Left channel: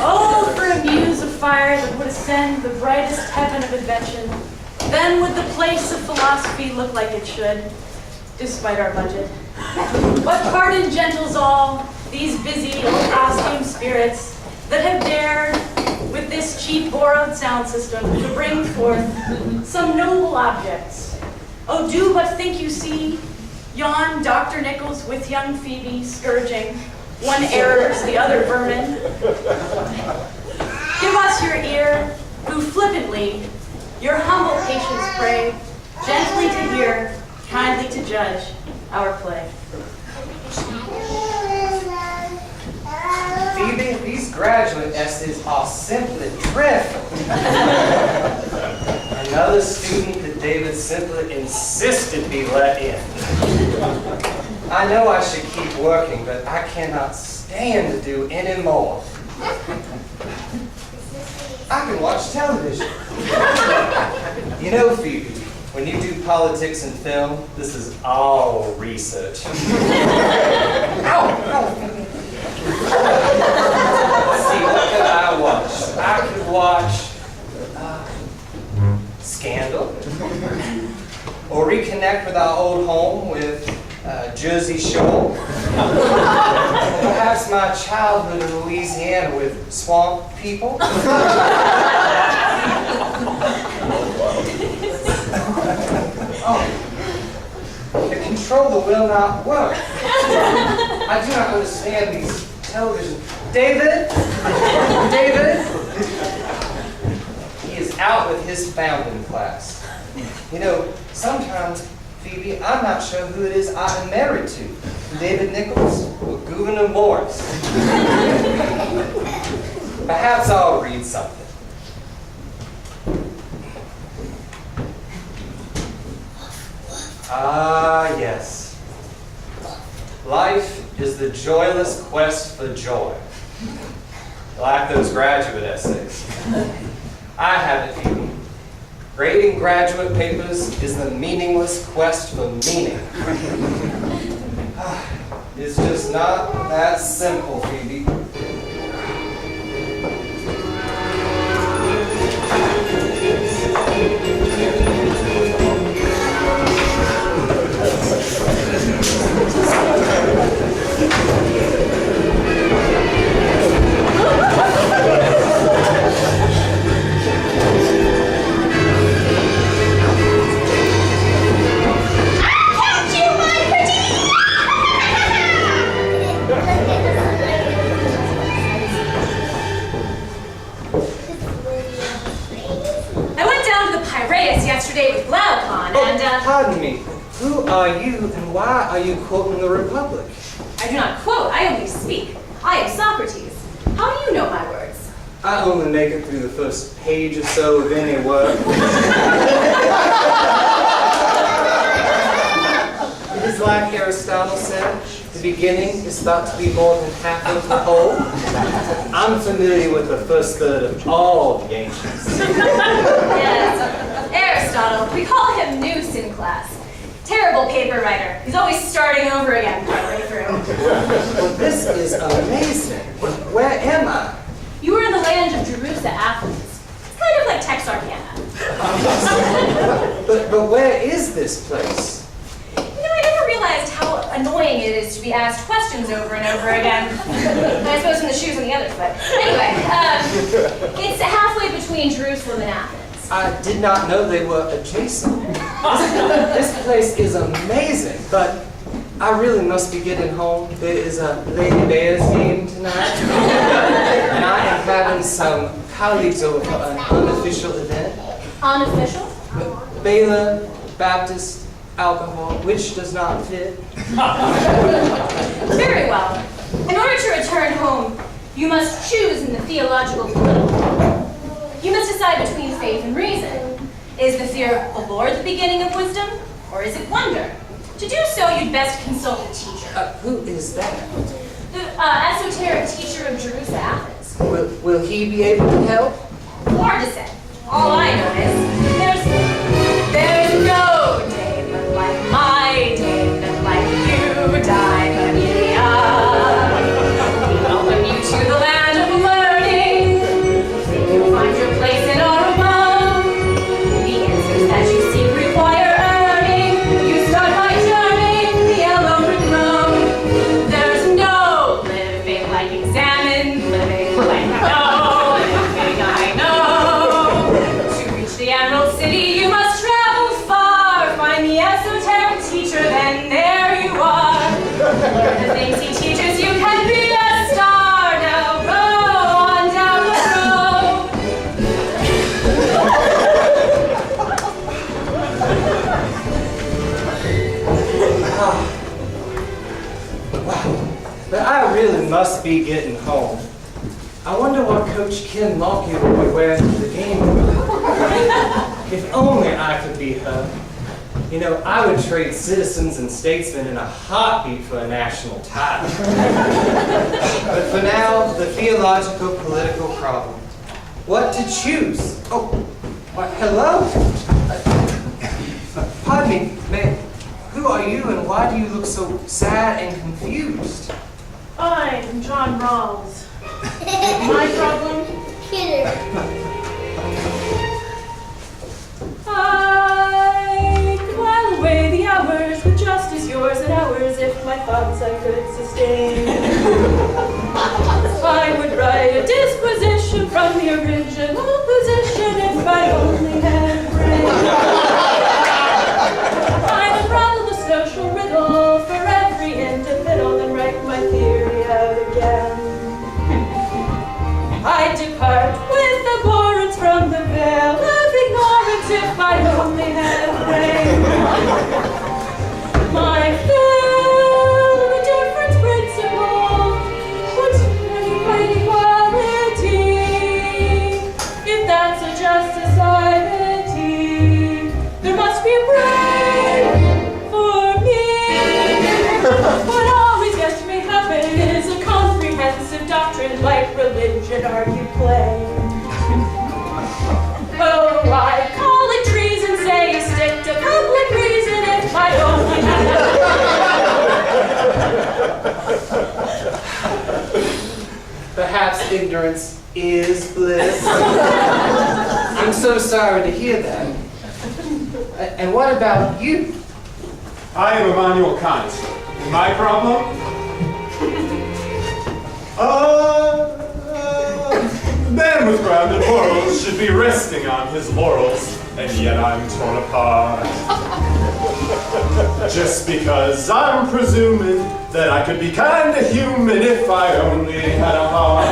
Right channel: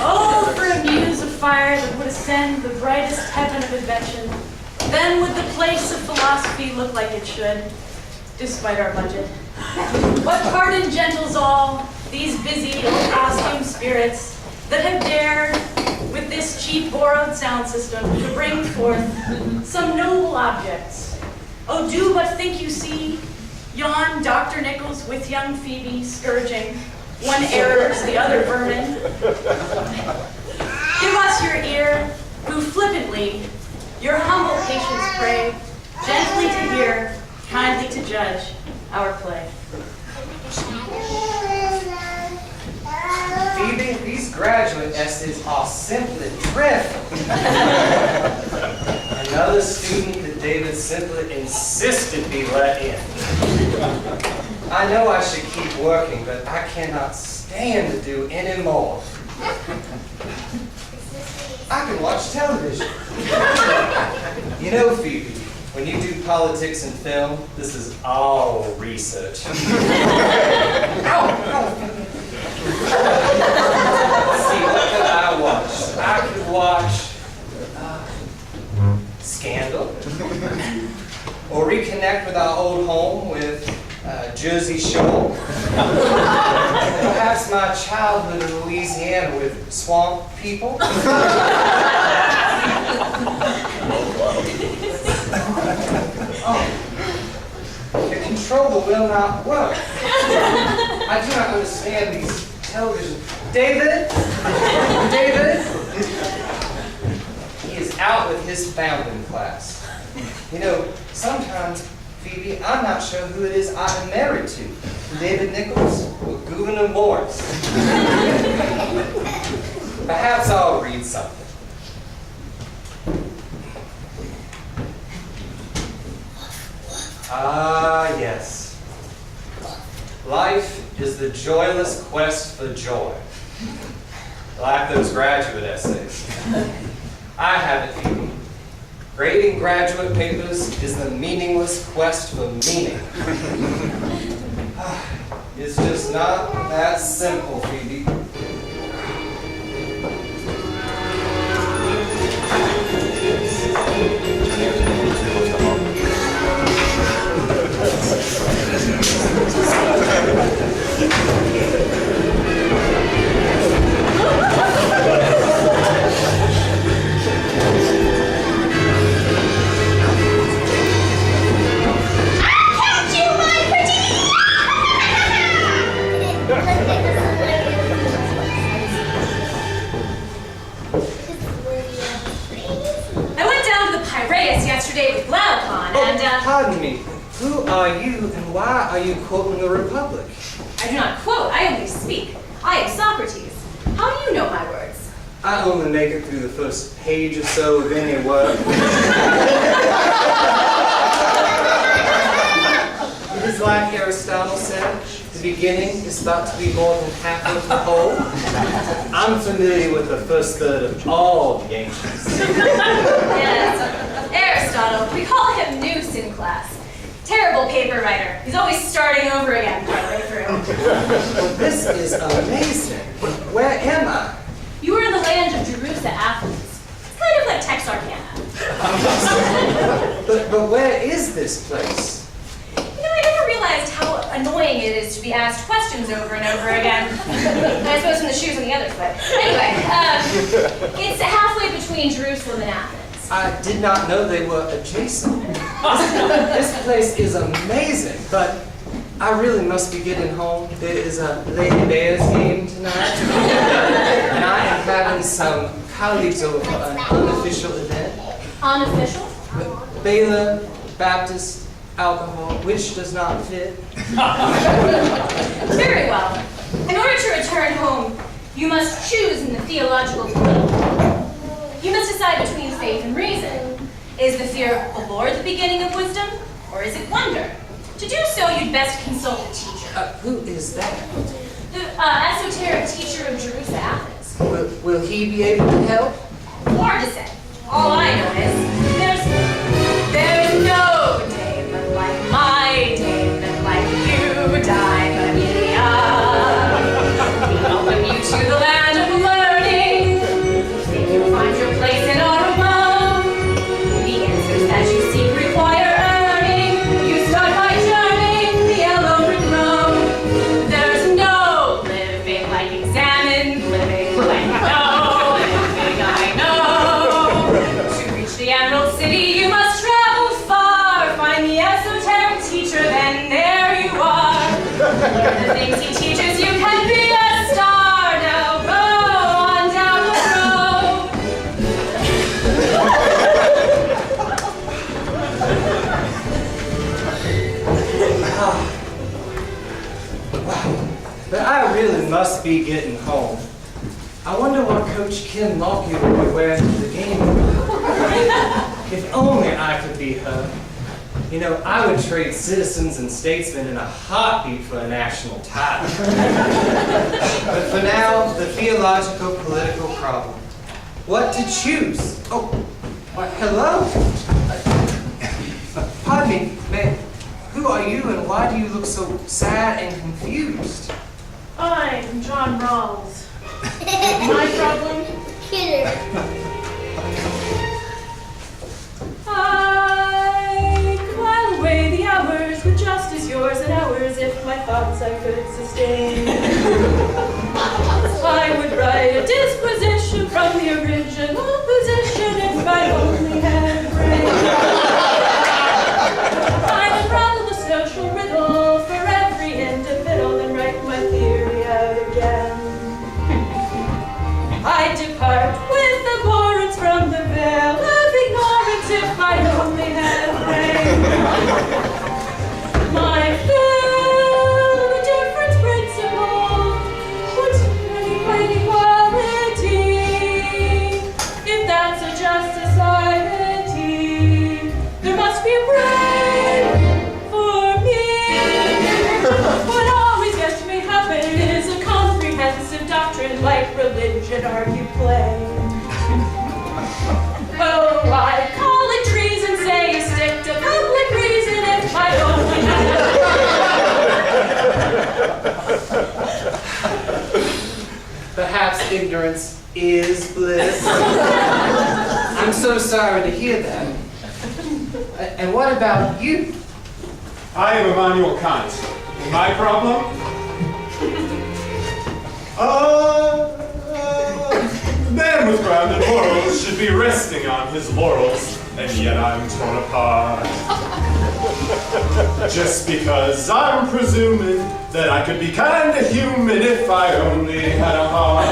Oh, for a muse of fire that would ascend the brightest heaven of invention, then would the place of philosophy look like it should, despite our budget. But pardon, gentles all, these busy, ill-costumed spirits that have dared, with this cheap borrowed sound system, to bring forth some noble objects. Oh, do but think you see yon Dr. Nichols with young Phoebe scourging, one errors, the other vermin. Give us your ear, who flippantly your humble patience pray, gently to hear, kindly to judge our play. Phoebe, these graduate essays are simply dreadful. Another student that David simply insisted be let in. I know I should keep working, but I cannot stand to do any more. I can watch television. You know, Phoebe, when you do politics and film, this is all research. Ow! See, what could I watch? I could watch Scandal, or reconnect with our old home with Jersey Shore. Perhaps my childhood in Louisiana with swamp people. The controller will not work. I do not understand these television. David? David? He is out with his founding class. You know, sometimes, Phoebe, I'm not sure who it is I am married to. David Nichols or Gouverneur Morris. Perhaps I'll read something. Ah, yes. Life is the joyless quest for joy. Like those graduate essays. I have it, Phoebe. Grading graduate papers is the meaningless quest for meaning. It's just not that simple, Phoebe. Yesterday with Glaucon, and Pardon me. Who are you, and why are you quoting the Republic? I do not quote, I only speak. I am Socrates. How do you know my words? I only make it through the first page or so of any work. It is like Aristotle said, the beginning is thought to be more than half of the whole. I'm familiar with the first third of all the ancients. Yes. Aristotle, we call him Nous in class. Terrible paper writer. He's always starting over again partway through. Well, this is amazing. Where am I? You are in the land of Jerusa, Athens. It's kind of like Texarkana. But where is this place? You know, I never realized how annoying it is to be asked questions over and over again. I suppose in the shoes on the other foot. Anyway, it's halfway between Jerusalem and Athens. I did not know they were adjacent. This place is amazing, but I really must be getting home. There is a Lady Bears game tonight, and I am having some colleagues over for an unofficial event. Unofficial? Baylor, Baptist, alcohol, which does not fit. Very well. In order to return home, you must choose in the theological political. You must decide between faith and reason. Is the fear of the Lord the beginning of wisdom, or is it wonder? To do so, you'd best consult a teacher. Who is that? The esoteric teacher of Jerusa, Athens. Will he be able to help? Hard to say. All I know is there's no day in the life But I really must be getting home. I wonder what Coach Ken Lockyer would wear to the game. If only I could be her. You know, I would trade citizens and statesmen in a heartbeat for a national title. But for now, the theological political problem. What to choose? Oh, why, hello? Pardon me, ma'am. Who are you and why do you look so sad and confused? I'm John Rawls. My problem? I could while away the hours with just as yours and ours if my thoughts I could sustain. I would write a disposition from the original position if I only had a brain. I'd unravel the social riddle for every individual and write my theory out again. I'd depart with abhorrence from the veil of ignorance if I only had a brain. My fill, the difference principle, what's inequality? If that's a just society, there must be a brain for me. What always gets me happen is a comprehensive doctrine like religion argued plain. Oh, I'd call it treason, say you stick to public reason if I only had. Perhaps ignorance is bliss. I'm so sorry to hear that. And what about you? I am Immanuel Kant. My problem? Man with grounded morals should be resting on his laurels, and yet I'm torn apart. Just because I'm presuming that I could be kinda human if I only had a heart.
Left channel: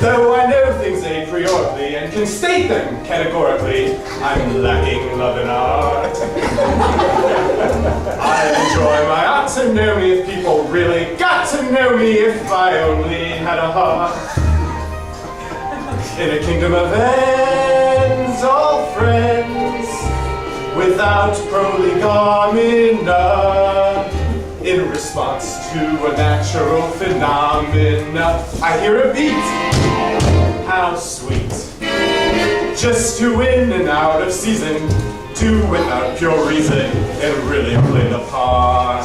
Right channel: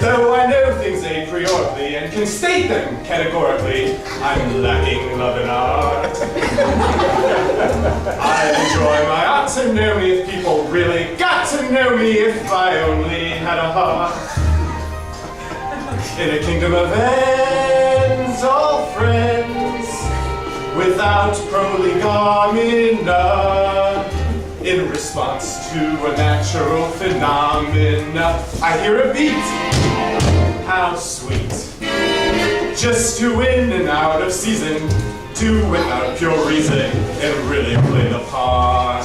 Though I know things a priori and can state them categorically, I'm lacking love and art. I enjoy my autonomy if people really got to know me if I only had a heart. In a kingdom of ends, all friends, without prolegomena. In response to a natural phenomena, I hear a beat. How sweet. Just to in and out of season, do without pure reason, and really play the part.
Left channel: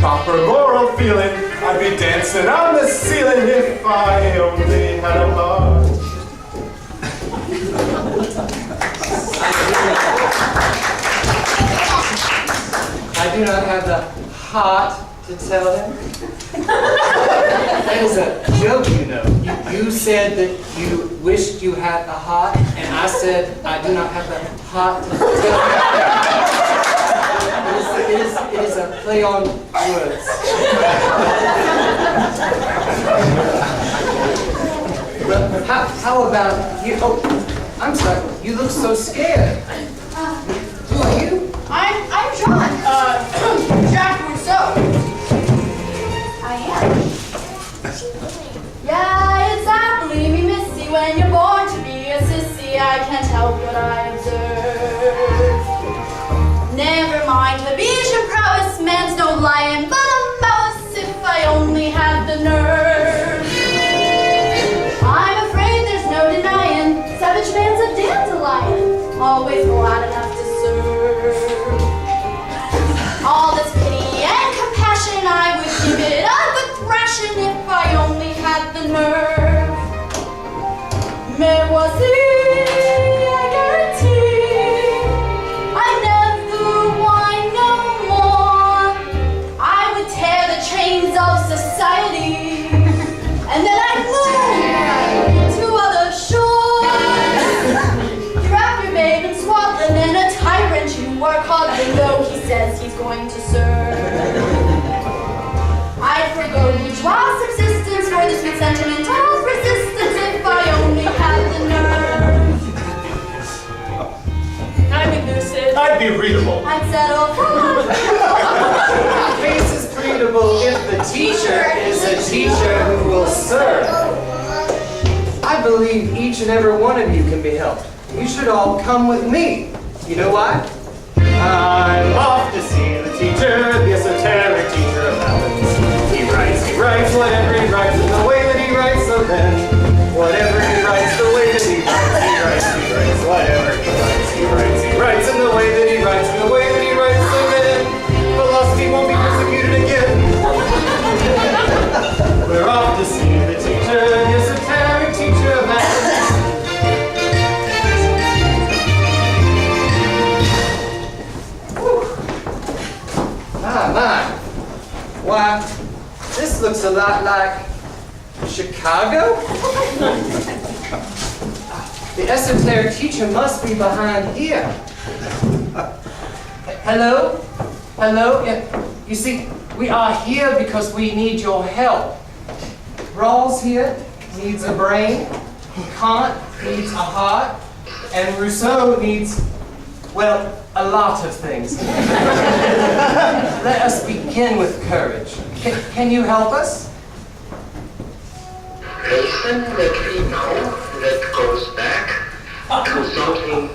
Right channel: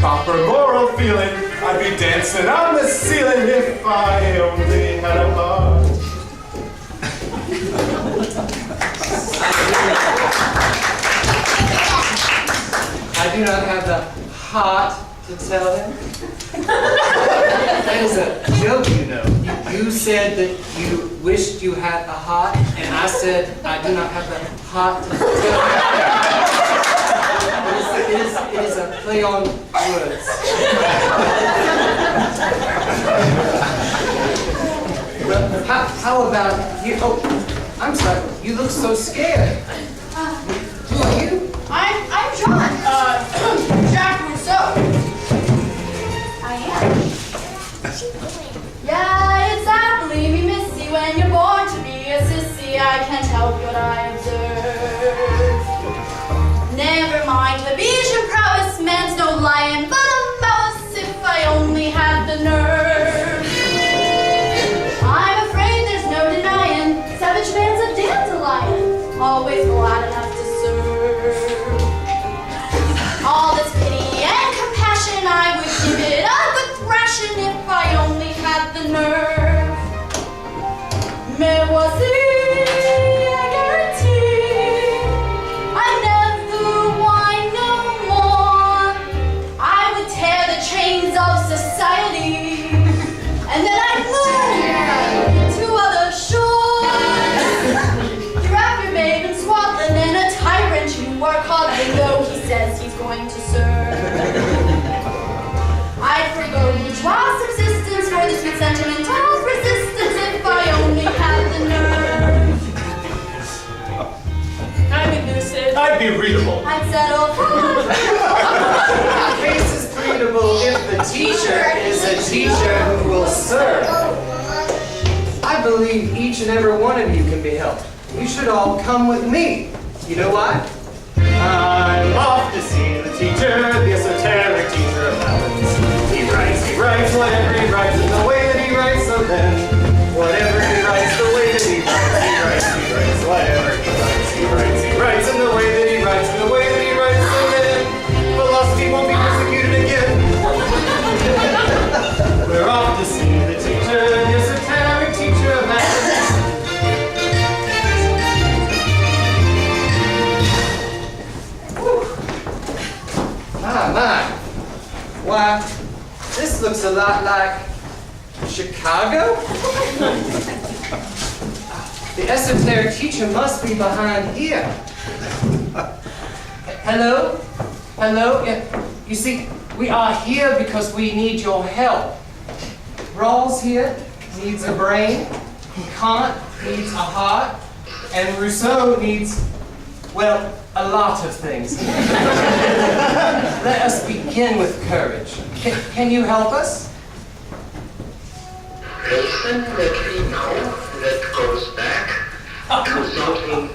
Proper moral feeling, I'd be dancing on the ceiling if I only had a heart. I do not have the heart to tell him. That is a joke, you know. You said that you wished you had a heart, and I said I do not have the heart to tell him. It is a play on words. Well, how about you? Oh, I'm sorry. You look so scared. Who are you? I'm John. Jack Rousseau. I am. Yeah, it's aptly me missy when you're born to be a sissy. I can't help what I observe. Never mind the Bayesian prowess, man's no lion, but a mouse if I only had the nerve. I'm afraid there's no denying, savage man's a dandelion, always glad enough to serve. All this pity and compassion, I would give it up a thrashing if I only had the nerve. Mais voici, I guarantee, I never whine no more. I would tear the chains of society, and then I'd move to other shores. You're after babe and swaddling and a tyrant you are coddling, though he says he's going to serve. I'd forgo bourgeois subsistence for the sweet sentimental persistence if I only had the nerve. I'm elusive. I might be readable. I'd settle for one. The case is treatable if the teacher is a teacher who will serve. I believe each and every one of you can be helped. You should all come with me. You know why? I'm off to see the teacher, the esoteric teacher of Athens. He writes whatever he writes in the way that he writes, so then whatever he writes, the way that he writes, whatever he writes in the way that he writes, in the way that he writes, so then philosophy won't be persecuted again. We're off to see the teacher, the esoteric teacher of Athens. My. Why, this looks a lot like Chicago? The esoteric teacher must be behind here. Hello? Hello? Yeah. You see, we are here because we need your help. Rawls here needs a brain, Kant needs a heart, and Rousseau needs, well, a lot of things. Let us begin with courage. Can you help us? Listen, let me know that goes back to something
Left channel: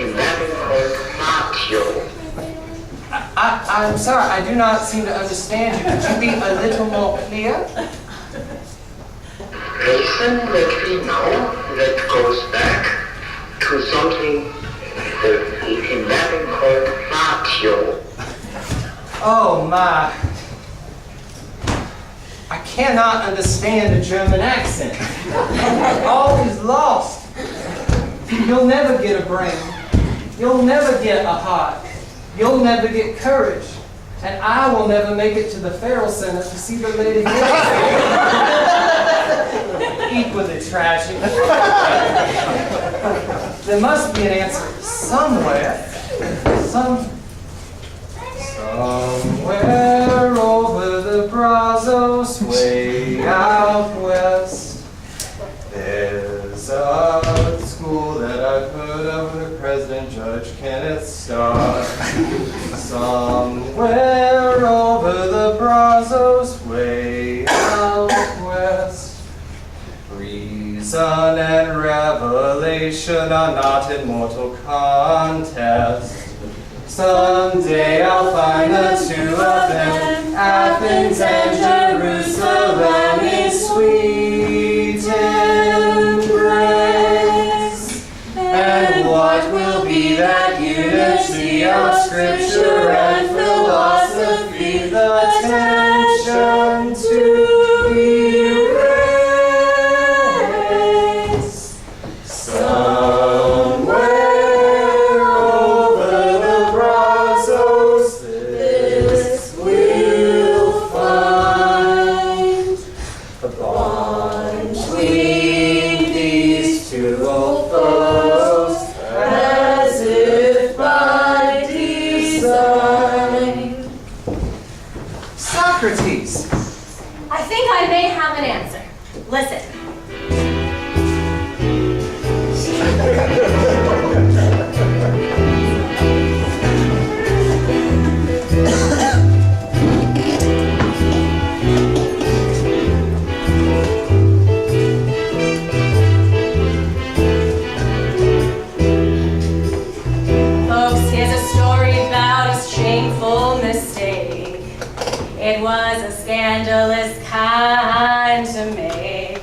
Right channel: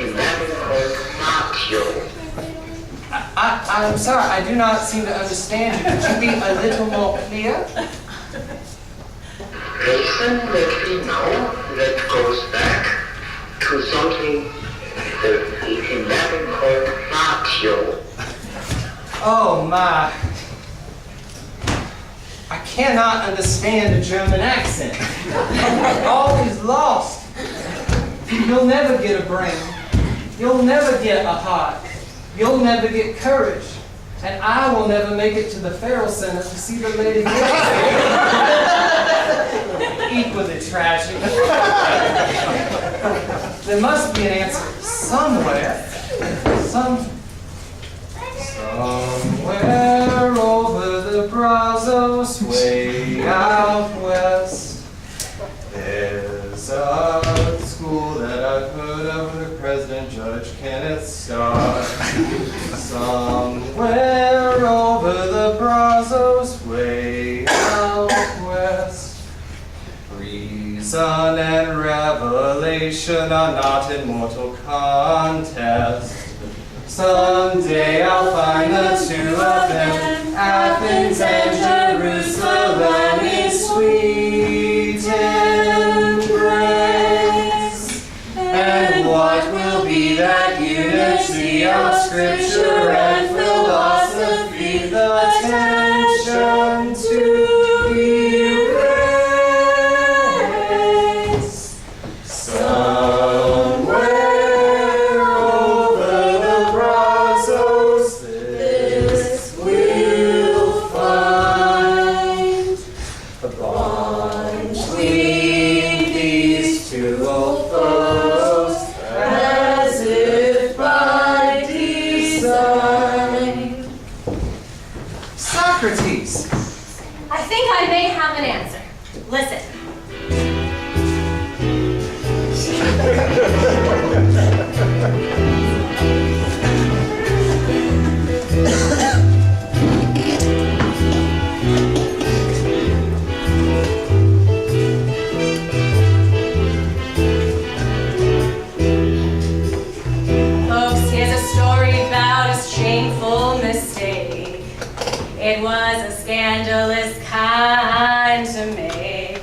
in Latin called Matio. I'm sorry, I do not seem to understand you. Could you be a little more clear? Listen, let me know that goes back to something in Latin called Matio. Oh my. I cannot understand a German accent. All is lost. You'll never get a brain. You'll never get a heart. You'll never get courage. And I will never make it to the Farrell Center to see the Lady Gaga. Equally tragic. There must be an answer somewhere. Somewhere over the Brazos, way out west, there's a school that I've heard of with President Judge Kenneth Starr. Somewhere over the Brazos, way out west, reason and revelation are not in mortal contest. Someday I'll find the two of them, Athens and Jerusalem in sweet embrace. And what will be that unity of scripture and philosophy, the tension to erase? Somewhere over the Brazos, this we'll find a bond between these two old foes, as if by design. Socrates. I think I may have an answer. Listen. Folks, here's a story about a shameful mistake. It was a scandalous kind to make.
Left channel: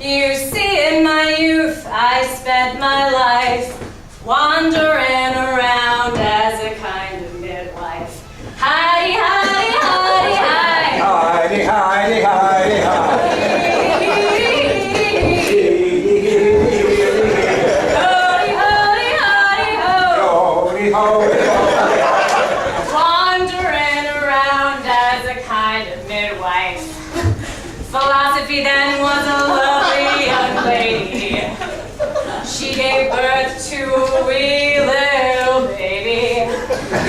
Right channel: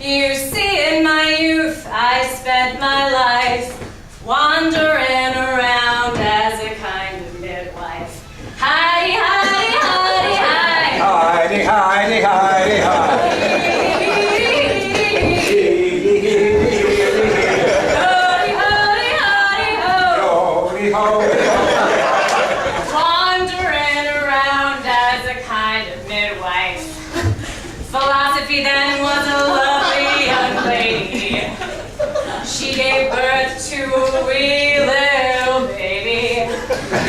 You see, in my youth, I spent my life wandering around as a kind of midwife. Hidey, hidey, hidey, hidey. Heidi, Heidi, Heidi, Heidi. Hody, hody, hody, ho. Hody, hody, Wandering around as a kind of midwife. Philosophy then was a lovely young lady. She gave birth to a wee little baby.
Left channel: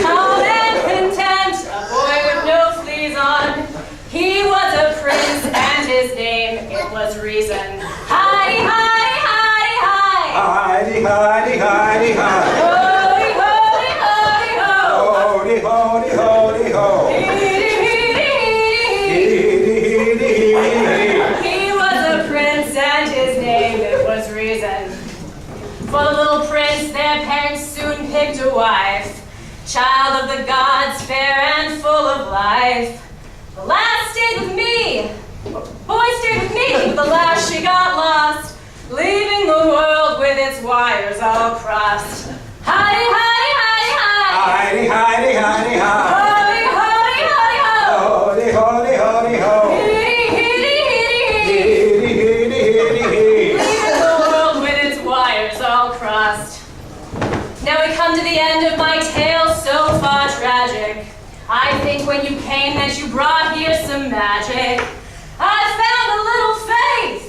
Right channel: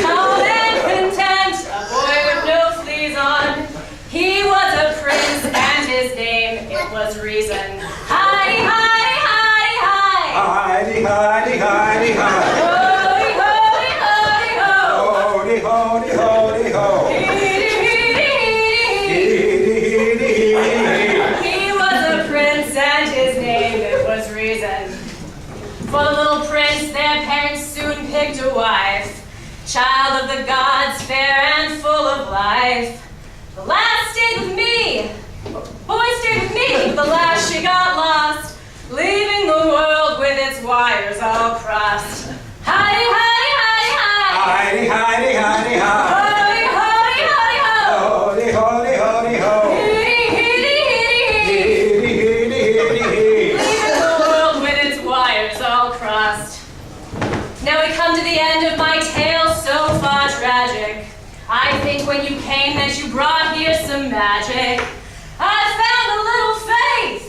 Calm and content, a boy with no fleas on. He was a prince and his name, it was Reason. Hidey, hidey, hidey, hidey. Heidi, Heidi, Heidi, Heidi. Hody, hody. of the gods, fair and full of life. The last stayed with me. Boy stayed with me, but the last she got lost, leaving the world with its wires all crossed. Hidey, hidey, hidey, hide. Hidey, hidey, hidey, hide. Hidey, hidey, hidey, ho. Hody, hody, hody, ho. Hitty, hitty, hitty, hitty. Hitty, hitty, hitty, hitty. Leaving the world with its wires all crossed. Now we come to the end of my tale, so far tragic. I think when you came that you brought here some magic. I found a little faith.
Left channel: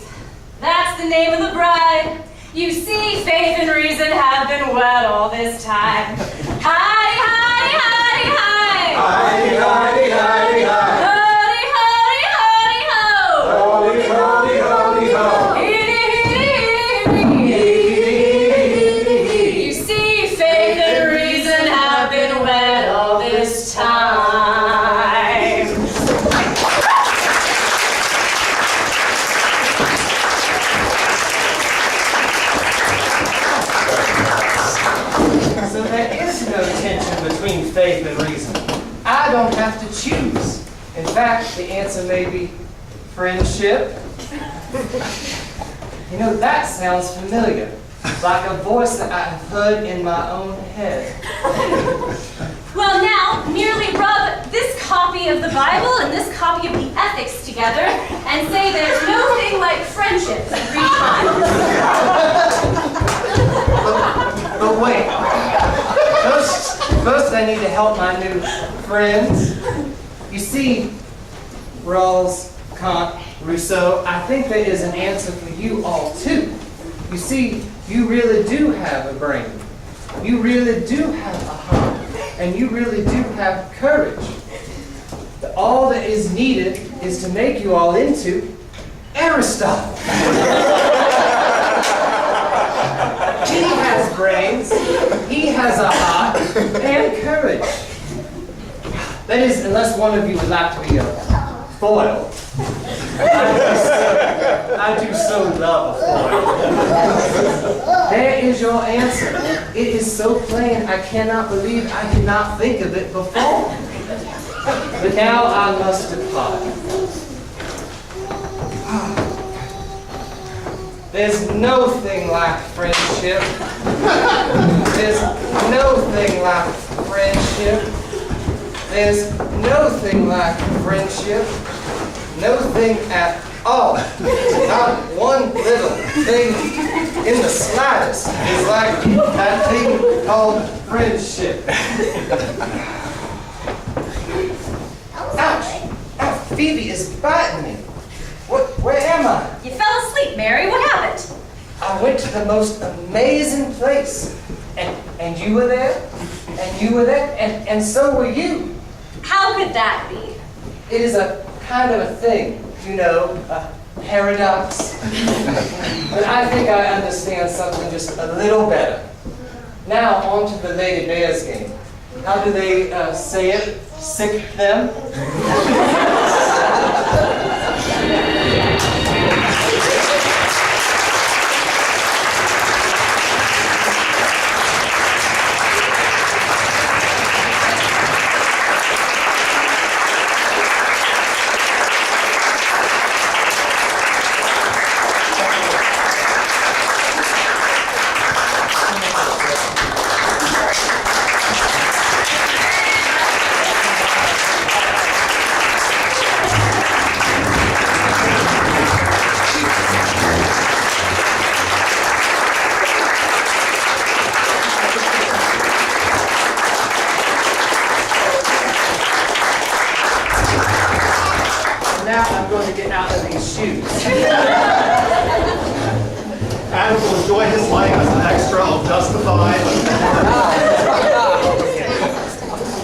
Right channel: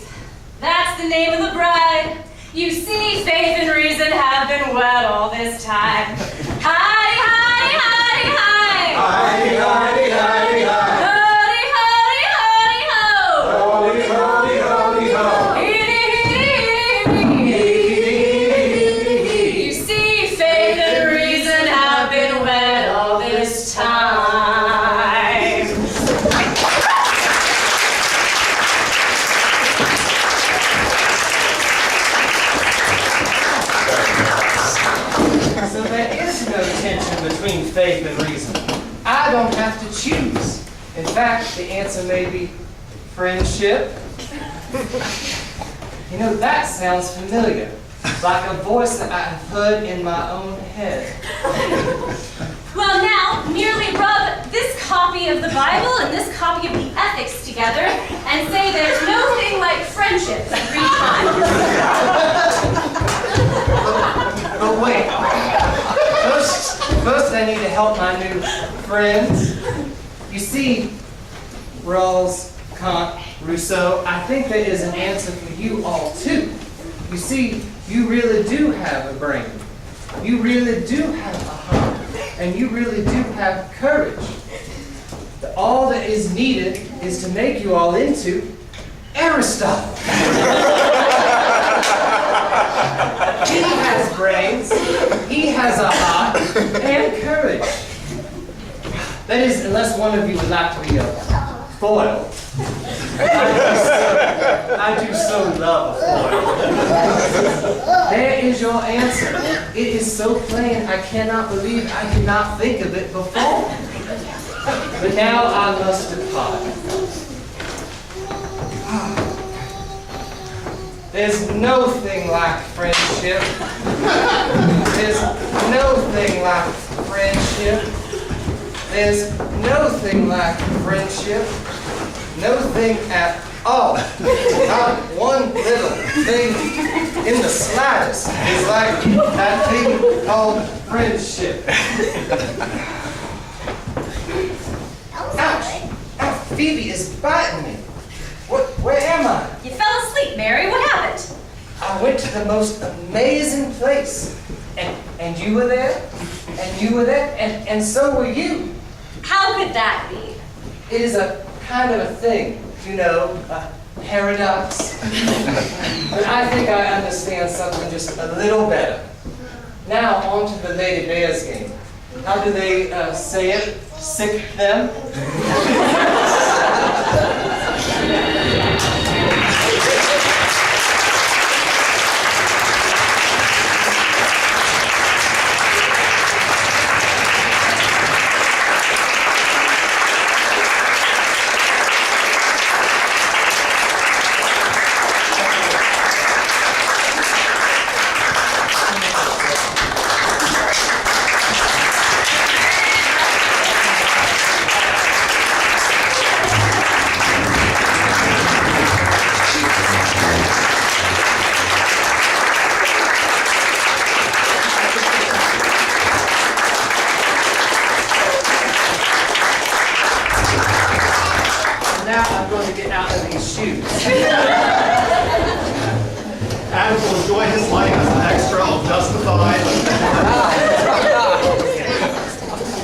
That's the name of the bride. You see, faith and reason have been wed all this time. Hidey, hidey, hidey, hide. Hidey, hidey, hidey, hide. Hidey, hidey, hidey, ho. Hody, hody, hody, ho. Hitty, hitty, hitty, hitty. You see, faith and reason have been wed all this time. So there is no tension between faith and reason. I don't have to choose. In fact, the answer may be friendship. You know, that sounds familiar, like a voice that I've heard in my own head. Well, now, merely rub this copy of the Bible and this copy of the Ethics together and say there's no thing like friendship 3 times. But wait, first I need to help my new friends. You see, Rawls, Kant, Rousseau, I think there is an answer for you all too. You see, you really do have a brain. You really do have a heart. And you really do have courage. All that is needed is to make you all into Aristotle. He has brains, he has a heart, and courage. That is, unless one of you would like to be a foil. I do so love a foil. There is your answer. It is so plain, I cannot believe I did not think of it before. But now I must depart. There's no thing like friendship. There's no thing like friendship. There's no thing like friendship. No thing at all. Not one little thing in the slightest is like that thing called friendship. Ouch! Ow, Phoebe is biting me. Where am I? You fell asleep, Mary. What happened? I went to the most amazing place. And you were there, and you were there, and so were you. How could that be? It is a kind of a thing, you know, a paradox. But I think I understand something just a little better. Now on to the Lady Bears game. How do they say it? Sick them? Now I'm going to get out of these shoes. Adam will enjoy his life as an extra of Justified.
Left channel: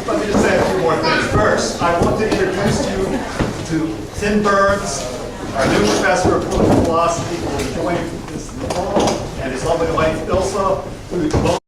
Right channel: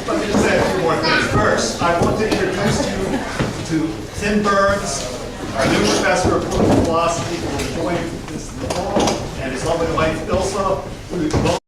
Let me just say a few more things. First, I want to introduce you to Tim Burns, our new professor of political philosophy, who will join this fall, and his lovely wife, Ilsa, who both